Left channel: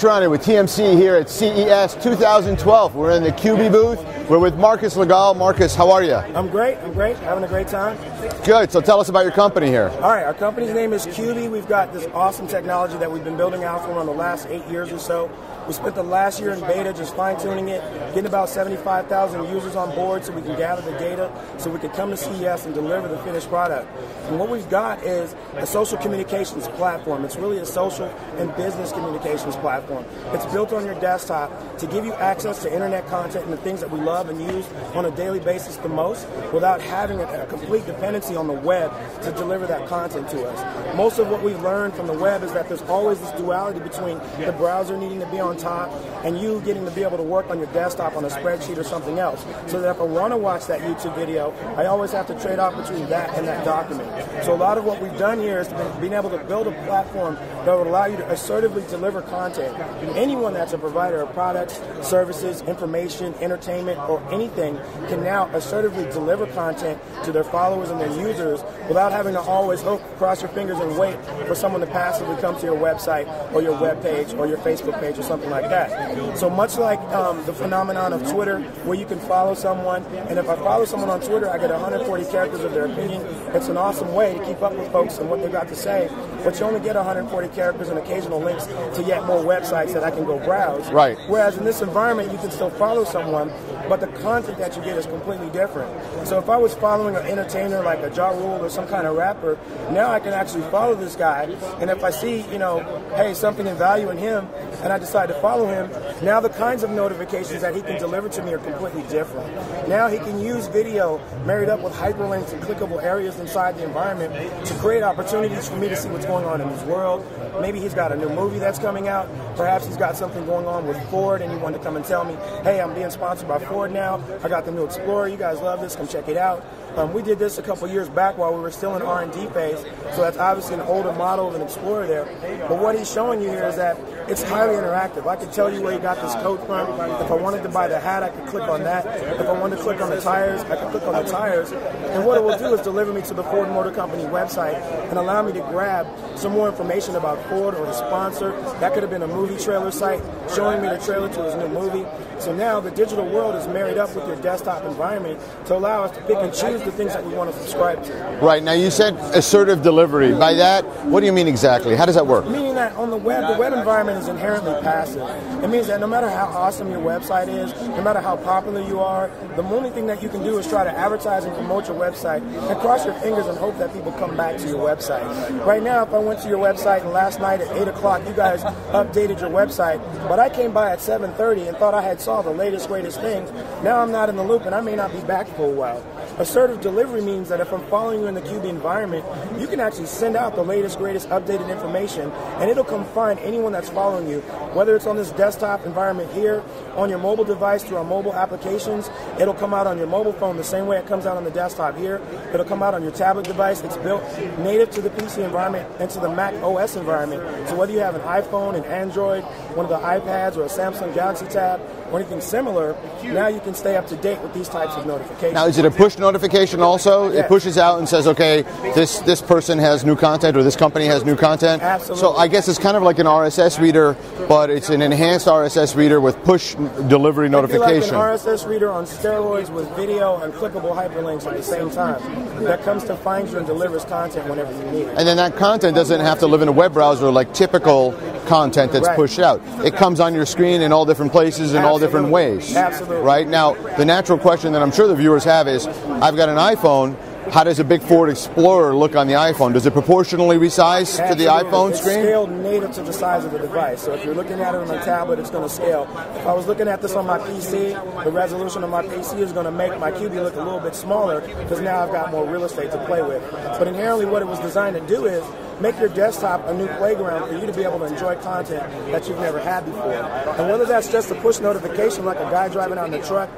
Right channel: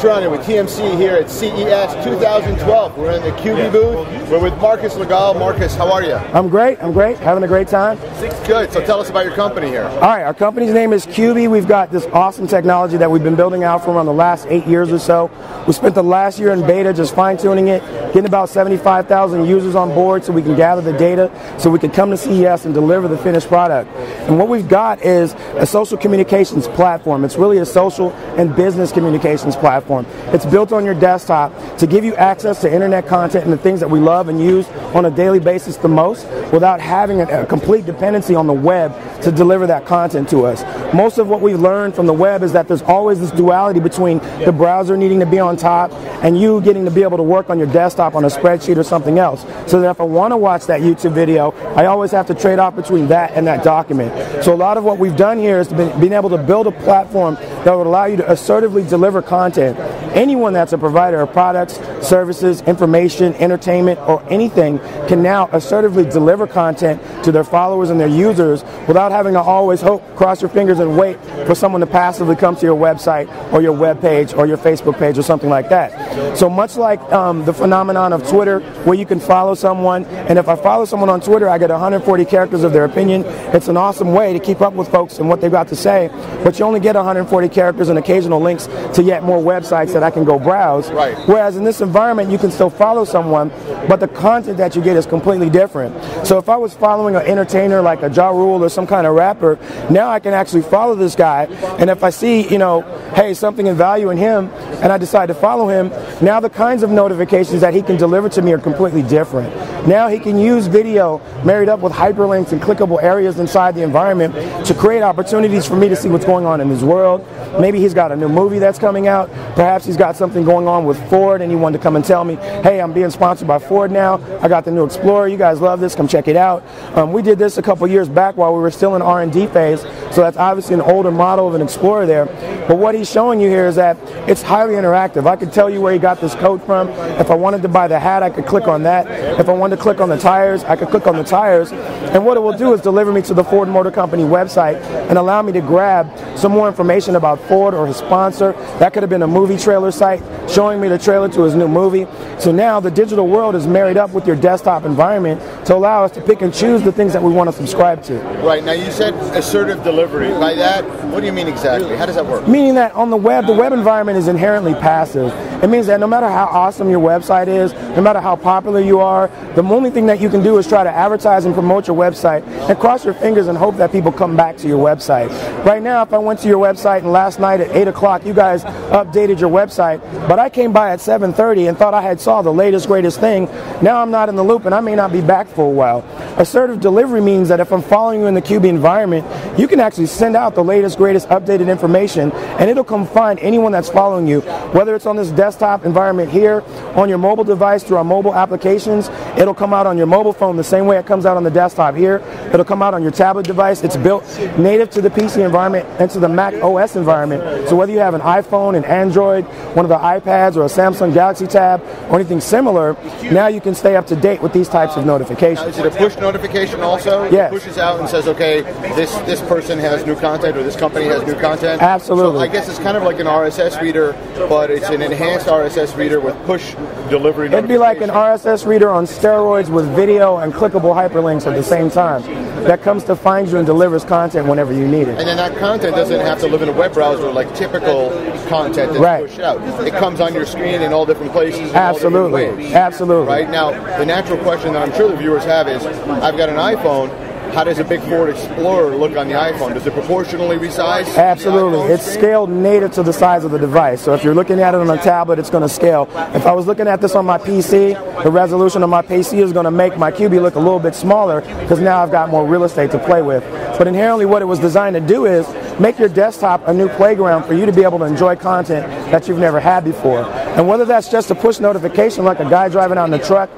Tehrani with TMC here at CES 2012. We're in the Qubeey booth. We're with Marcus Legall. Marcus, how are you? I'm great. Having a great time. Good. So tell us about your company here. All right. Our company's name is Qubeey. We've got this awesome technology that we've been building out for around the last 8 years or so. We spent the last year in beta just fine-tuning it, getting about 75,000 users on board so we can gather the data so we can come to CES and deliver the finished product. And what we've got is a social communications platform. It's really a social and business communications platform. It's built on your desktop to give you access to internet content and the things that we love and use on a daily basis the most without having a complete dependency on the web to deliver that content to us. Most of what we've learned from the web is that there's always this duality between the browser needing to be on top and you getting to be able to work on your desktop on a spreadsheet or something else. So that if I want to watch that YouTube video, I always have to trade off between that and that document. So a lot of what we've done here is being able to build a platform that would allow you to assertively deliver content. Anyone that's a provider of products, services, information, entertainment, or anything can now assertively deliver content to their followers and their users without having to always hope, cross your fingers, and wait for someone to passively come to your website or your web page or your Facebook page or something like that. So much like the phenomenon of Twitter, where you can follow someone, and if I follow someone on Twitter, I get 140 characters of their opinion. It's an awesome way to keep up with folks and what they've got to say, but you only get 140 characters and occasional links to yet more websites that I can go browse. Right. Whereas in this environment, you can still follow someone, but the content that you get is completely different. So if I was following an entertainer like a Ja Rule or some kind of rapper, now I can actually follow this guy, and if I see, hey, something in value in him, and I decide to follow him, now the kinds of notifications that he can deliver to me are completely different. Now he can use video married up with hyperlinks and clickable areas inside the environment to create opportunities for me to see what's going on in his world. Maybe he's got a new movie that's coming out. Perhaps he's got something going on with Ford and he wanted to come and tell me, hey, I'm being sponsored by Ford now. I got the new Explorer. You guys love this. Come check it out. We did this a couple years back while we were still in R&D phase, so that's obviously an older model of an Explorer there. But what he's showing you here is that it's highly interactive. I could tell you where he got this coat from. If I wanted to buy the hat, I could click on that. If I wanted to click on the tires, I could click on the tires. And what it will do is deliver me to the Ford Motor Company website and allow me to grab some more information about Ford or his sponsor. That could have been a movie trailer site showing me the trailer to his new movie. So now the digital world is married up with your desktop environment to allow us to pick and choose the things that we want to subscribe to. Right. Now you said assertive delivery. By that, what do you mean exactly? How does that work? Meaning that on the web environment is inherently passive. It means that no matter how awesome your website is, no matter how popular you are, the only thing that you can do is try to advertise and promote your website and cross your fingers and hope that people come back to your website. Right now, if I went to your website and last night at 8 o'clock you guys updated your website, but I came by at 7:30 and thought I had saw the latest, greatest thing, now I'm not in the loop and I may not be back for a while. Assertive delivery means that if I'm following you in the Qubeey environment, you can actually send out the latest, greatest, updated information, and it'll come find anyone that's following you, whether it's on this desktop environment here, on your mobile device through our mobile applications. It'll come out on your mobile phone the same way it comes out on the desktop here. It'll come out on your tablet device. It's built native to the PC environment and to the Mac OS environment. So whether you have an iPhone, an Android, one of the iPads, or a Samsung Galaxy Tab, or anything similar, now you can stay up to date with these types of notifications. Now, is it a push notification also? Yes. It pushes out and says, okay, this person has new content or this company has new content? Absolutely. So I guess it's kind of like an RSS reader, but it's an enhanced RSS reader with push delivery notification. It'd be like an RSS reader on steroids with video and clickable hyperlinks at the same time. That comes to find you and delivers content whenever you need it. And then that content doesn't have to live in a web browser like typical content that's pushed out. It comes on your screen in all different places in all different ways. Absolutely. Right? Now, the natural question that I'm sure the viewers have is, I've got an iPhone. How does a big Ford Explorer look on the iPhone? Does it proportionally resize to the iPhone It's screen? scaled native to the size of the device. So if you're looking at it on a tablet, it's going to scale. If I was looking at this on my PC, the resolution of my PC is going to make my Qubeey look a little bit smaller because now I've got more real estate to play with. But inherently what it was designed to do is make your desktop a new playground for you to be able to enjoy content that you've never had before. And whether that's just a push notification like a guy driving out in the truck,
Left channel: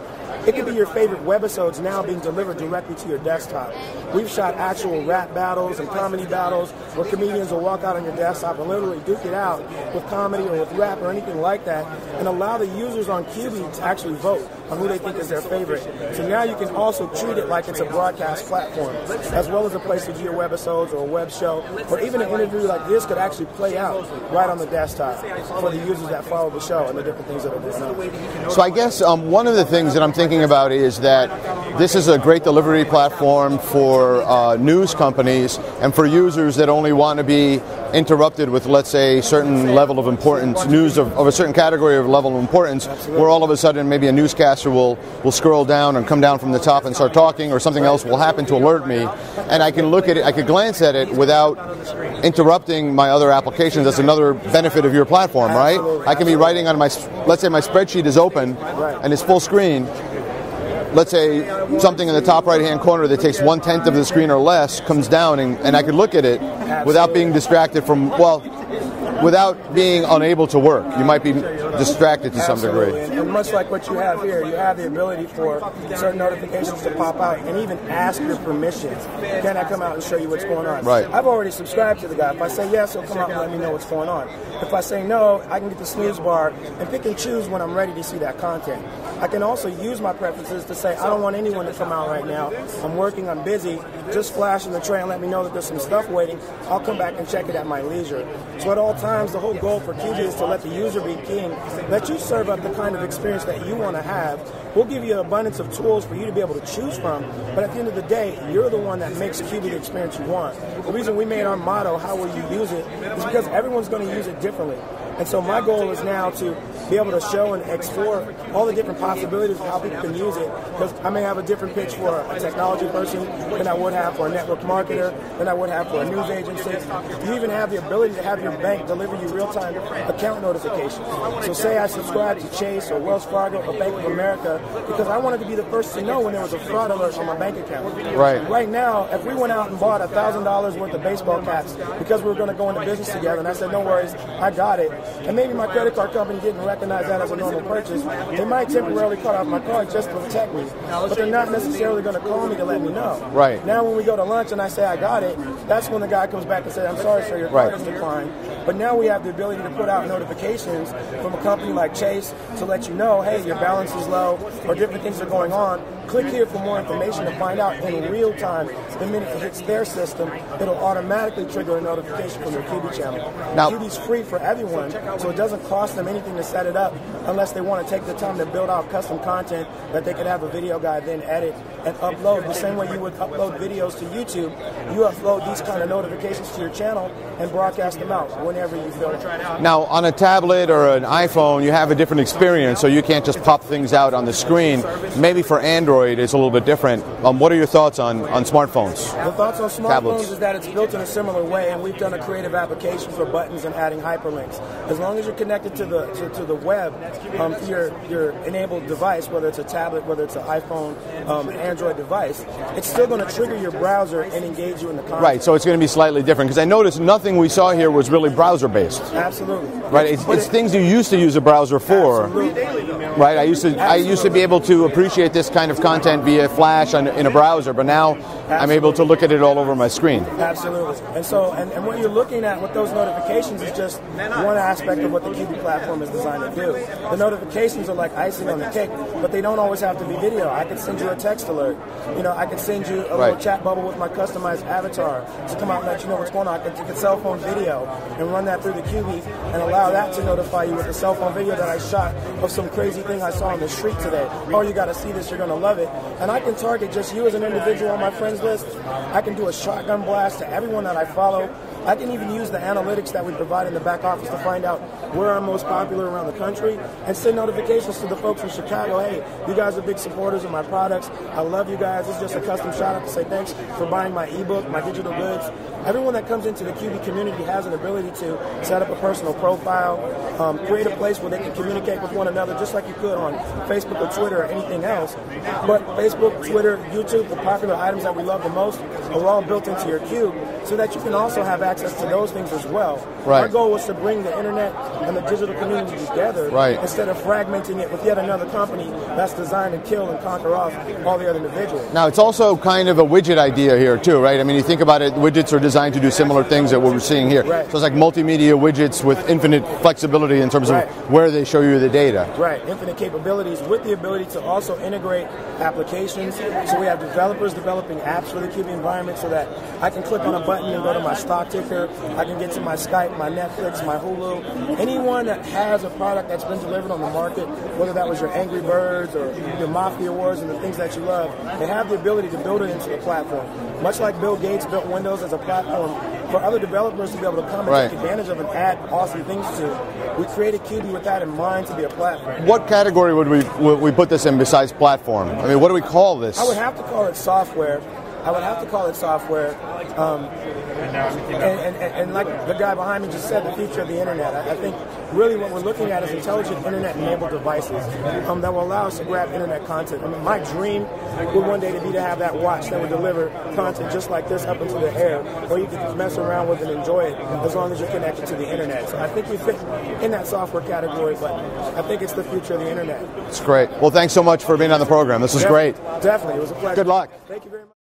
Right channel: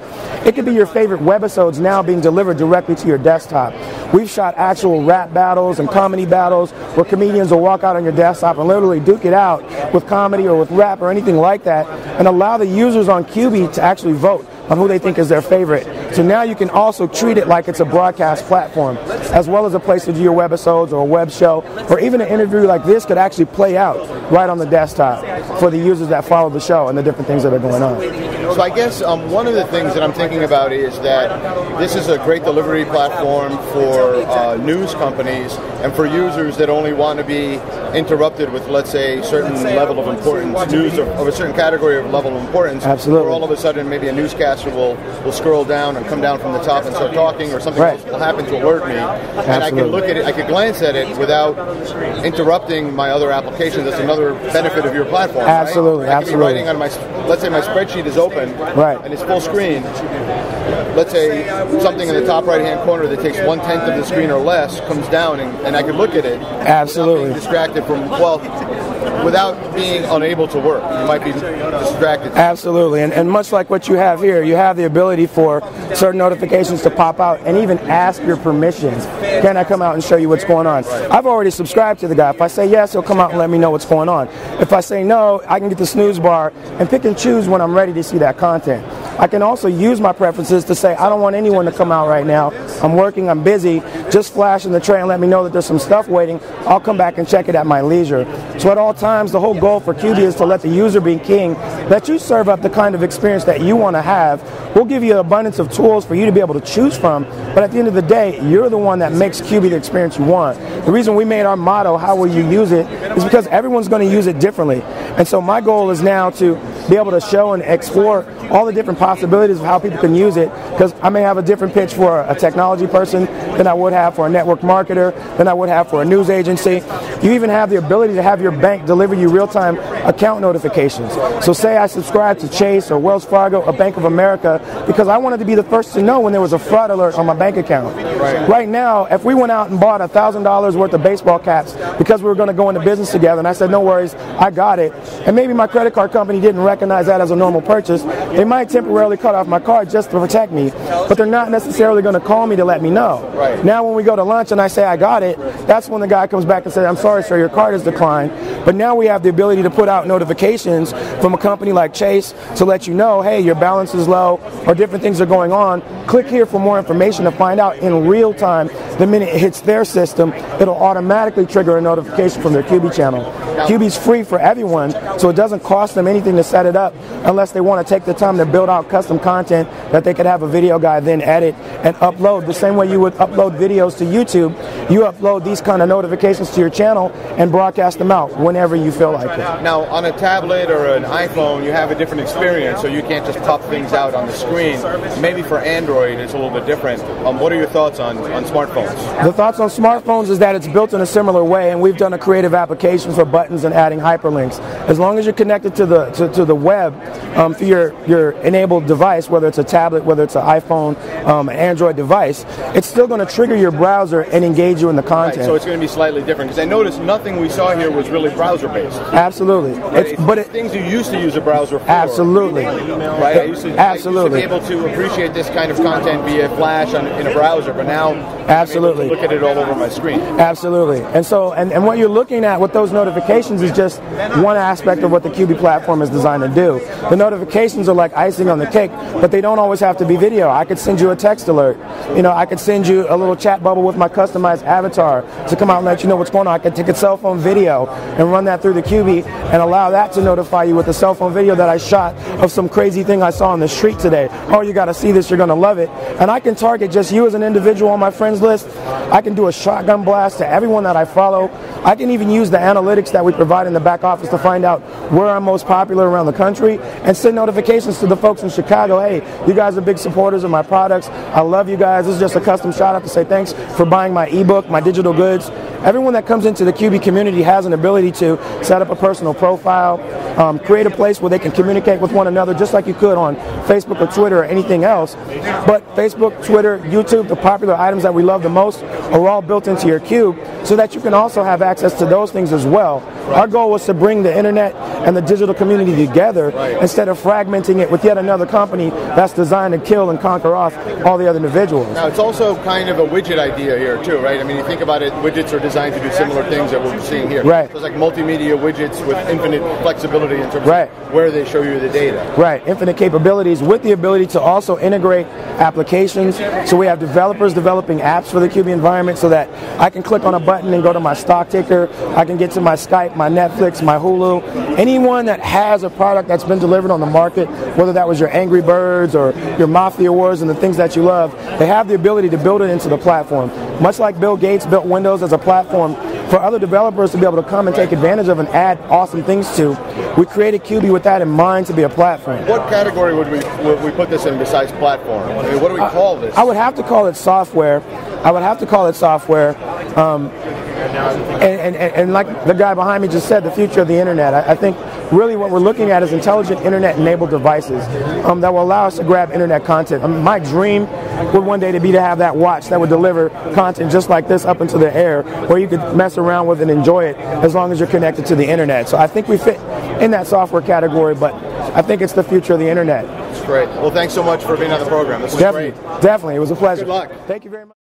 it could be your favorite webisodes now being delivered directly to your desktop. We've shot actual rap battles and comedy battles where comedians will walk out on your desktop and literally duke it out with comedy or with rap or anything like that, and allow the users on Qubeey to actually vote on who they think is their favorite. So now you can also treat it like it's a broadcast platform, as well as a place to do your webisodes or a web show, or even an interview like this could actually play out right on the desktop for the users that follow the show and the different things that are going on. So I guess one of the things that I'm thinking about is that this is a great delivery platform for news companies and for users that only want to be interrupted with, let's say, a certain level of importance, news of a certain category of level of importance. Absolutely. Where all of a sudden maybe a newscaster will scroll down and come down from the top and start talking, or something else will happen to alert me, and I can look at it, I can glance at it without interrupting my other applications. That's another benefit of your platform, Absolutely. right? I can be writing on my, let's say my spreadsheet is open and it's full screen. Let's say something in the top right-hand corner that takes 1/10 of the screen or less comes down, and I can look at it without being distracted from, without being unable to work. You might be distracted to some degree. And much like what you have here, you have the ability for certain notifications to pop out and even ask your permissions. Can I come out and show you what's going on? Right. I've already subscribed to the guy. If I say yes, he'll come out and let me know what's going on. If I say no, I can get the snooze bar and pick and choose when I'm ready to see that content. I can also use my preferences to say, I don't want anyone to come out right now. I'm working, I'm busy. Just flash in the tray and let me know that there's some stuff waiting. I'll come back and check it at my leisure. So at all times, the whole goal for Qubeey is to let the user be king, let you serve up the kind of experience that you want to have. We'll give you an abundance of tools for you to be able to choose from, but at the end of the day, you're the one that makes Qubeey the experience you want. The reason we made our motto, how will you use it, is because everyone's going to use it differently. And so my goal is now to be able to show and explore all the different possibilities of how people can use it, because I may have a different pitch for a technology person than I would have for a network marketer, than I would have for a news agency. You even have the ability to have your bank deliver you real-time account notifications. So say I subscribe to Chase or Wells Fargo or Bank of America because I wanted to be the first to know when there was a fraud alert on my bank account. Right now, if we went out and bought $1,000 worth of baseball caps because we were going to go into business together, and I said, no worries, I got it, and maybe my credit card company didn't recognize that as a normal purchase, they might temporarily cut off my card just to protect me, but they're not necessarily going to call me to let me know. Now when we go to lunch and I say I got it, that's when the guy comes back and says, I'm sorry sir, your card is declined. But now we have the ability to put out notifications from a company like Chase to let you know, hey, your balance is low, or different things are going on. Click here for more information to find out in real time. The minute it hits their system, it'll automatically trigger a notification from their Qubeey channel. Qubeey's free for everyone, so it doesn't cost them anything to set it up unless they want to take the time to build out custom content that they could have a video guy then edit and upload. The same way you would upload videos to YouTube, you upload these kind of notifications to your channel and broadcast them out whenever you feel like it. Now, on a tablet or an iPhone, you have a different experience, so you can't just pop things out on the screen. Maybe for Android, it's a little bit different. What are your thoughts on smartphones? The thoughts on smartphones is that it's built in a similar way, and we've done a creative application for buttons and adding hyperlinks. As long as you're connected to the web through your enabled device, whether it's a tablet, whether it's an iPhone, an Android device, it's still going to trigger your browser and engage you in the content. Right, so it's going to be slightly different, because I noticed nothing we saw here was really browser-based. Absolutely. Right, it's things you used to use a browser for. Absolutely. Right, I used to be able to appreciate this kind of content via Flash in a browser, but now I'm able to look at it all over my screen. Absolutely. And so, and what you're looking at with those notifications is just one aspect of what the Qubeey platform is designed to do. The notifications are like icing on the cake, but they don't always have to be video. I could send you a text alert. You know, I could send you a little chat bubble with my customized avatar to come out and let you know what's going on. I could take a cell phone video and run that through the Qubeey and allow that to notify you with a cell phone video that I shot of some crazy thing I saw on the street today. Oh, you got to see this, you're going to love it. And I can target just you as an individual on my friends list. I can do a shotgun blast to everyone that I follow. I can even use the analytics that we provide in the back office to find out where I'm most popular around the country and send notifications to the folks in Chicago. Hey, you guys are big supporters of my products. I love you guys. This is just a custom shout out to say thanks for buying my ebook, my digital goods. Everyone that comes into the Qubeey community has an ability to set up a personal profile, create a place where they can communicate with one another just like you could on Facebook or Twitter or anything else. But Facebook, Twitter, YouTube, the popular items that we love the most, are all built into your cube so that you can also have access to those things as well. Right. Our goal was to bring the internet and the digital community together instead of fragmenting it with yet another company that's designed to kill and conquer off all the other individuals. Now, it's also kind of a widget idea here, too, right? I mean, you think about it, widgets are designed to do similar things that what we're seeing here. Right. So it's like multimedia widgets with infinite flexibility in terms of where they show you the data. Right, infinite capabilities with the ability to also integrate applications. So we have developers developing apps for the Qubeey environment so that I can click on a button and go to my stock ticker. I can get to my Skype, my Netflix, my Hulu. Anyone that has a product that's been delivered on the market, whether that was your Angry Birds or your Mafia Wars and the things that you love, they have the ability to build it into the platform. Much like Bill Gates built Windows as a platform for other developers to be able to come and take advantage of and add awesome things to, we created Qubeey with that in mind to be a platform. What category would we put this in besides platform? I mean, what do we call this? I would have to call it software. And like the guy behind me just said, the future of the internet. I think really what we're looking at is intelligent internet-enabled devices that will allow us to grab internet content. My dream would one day to have that watch that would deliver content just like this up into the air, where you could mess around with and enjoy it as long as you're connected to the internet. So I think we fit in that software category, but I think it's the future of the internet. It's great. Well, thanks so much for being on the program. This is great. Definitely. It was a pleasure. Good luck. Thank you very much.